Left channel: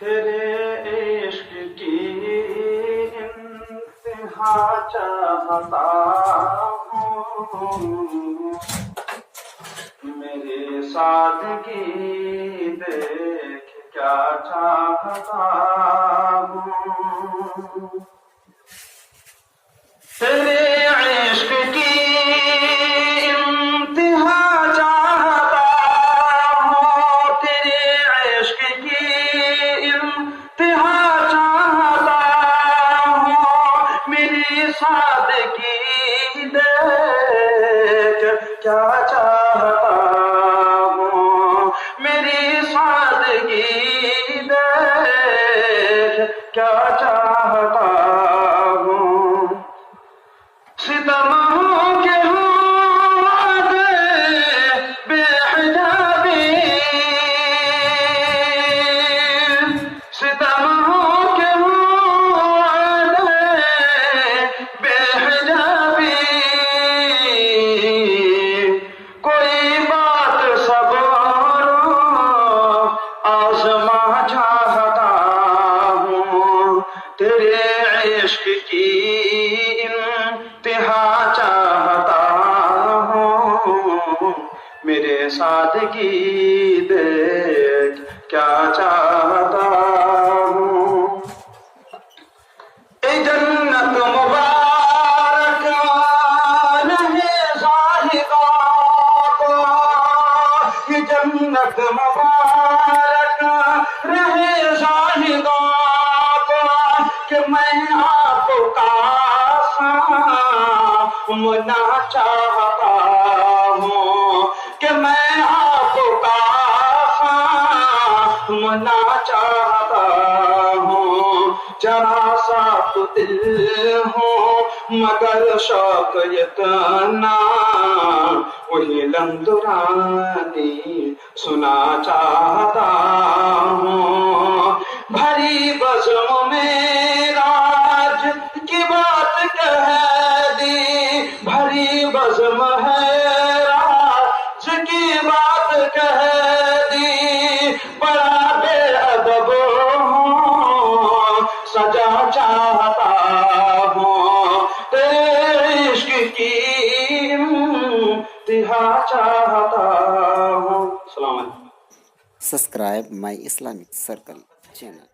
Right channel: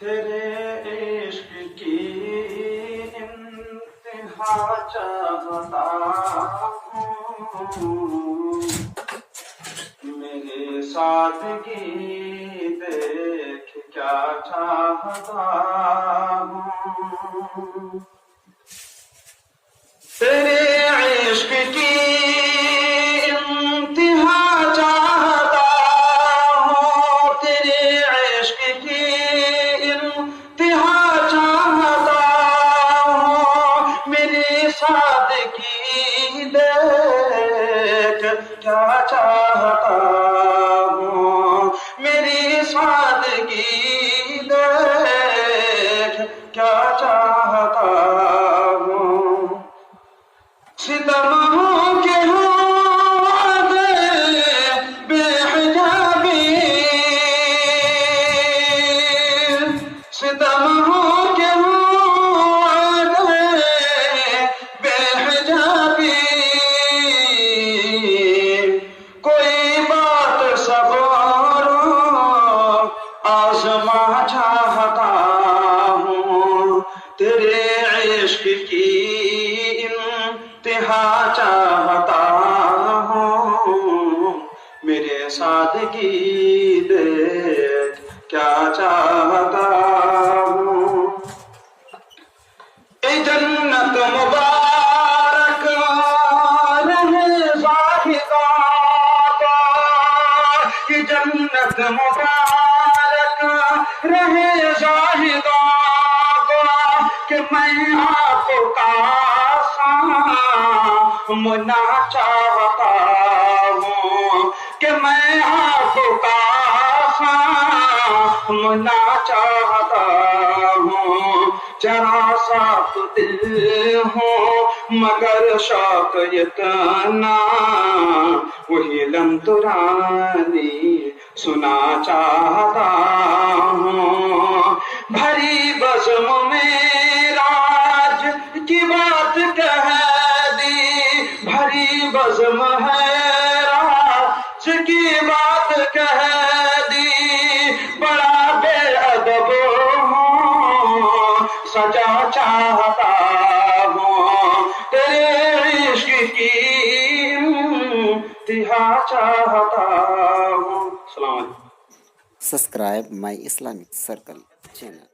تیرے عشق کی انتہا چاہتا ہوں، میری سادگی دیکھ کیا چاہتا ہوں، تیرے عشق کی انتہا چاہتا ہوں، تیرے عشق کی انتہا چاہتا ہوں، میری سادگی دیکھ کیا چاہتا ہوں، میری سادگی دیکھ کیا چاہتا ہوں، ستم ہوں کہ ہوں وعدے بے حجابی، ستم ہوں کہ ہوں وعدے بے حجابی، کوئی بات صبر آزما چاہتا ہوں، تیرے عشق کی انتہا چاہتا ہوں، میرے سادگی دیکھ کیا چاہتا ہوں، اے جنت مبارک رہے زاہداں کا، یہ جنت مبارک رہے زاہداں کا، کہ میں آپ کا سامنا چاہتا ہوں، کہ میں آپ کا سامنا چاہتا ہوں، ذرا سا تو دل ہوں مگر شوق اتنا، وہی لم دورانی سنا چاہتا ہوں، بھری بزم میں راج کی بات کہہ دی، بھری بزم ہے راج کی بات کہہ دی، بڑا بے ادب ہوں سجا چاہتا ہوں، تیرے عشق کی انتہا چاہتا ہوں. السلام علیکم. Subscribe my Islamic Circle channel.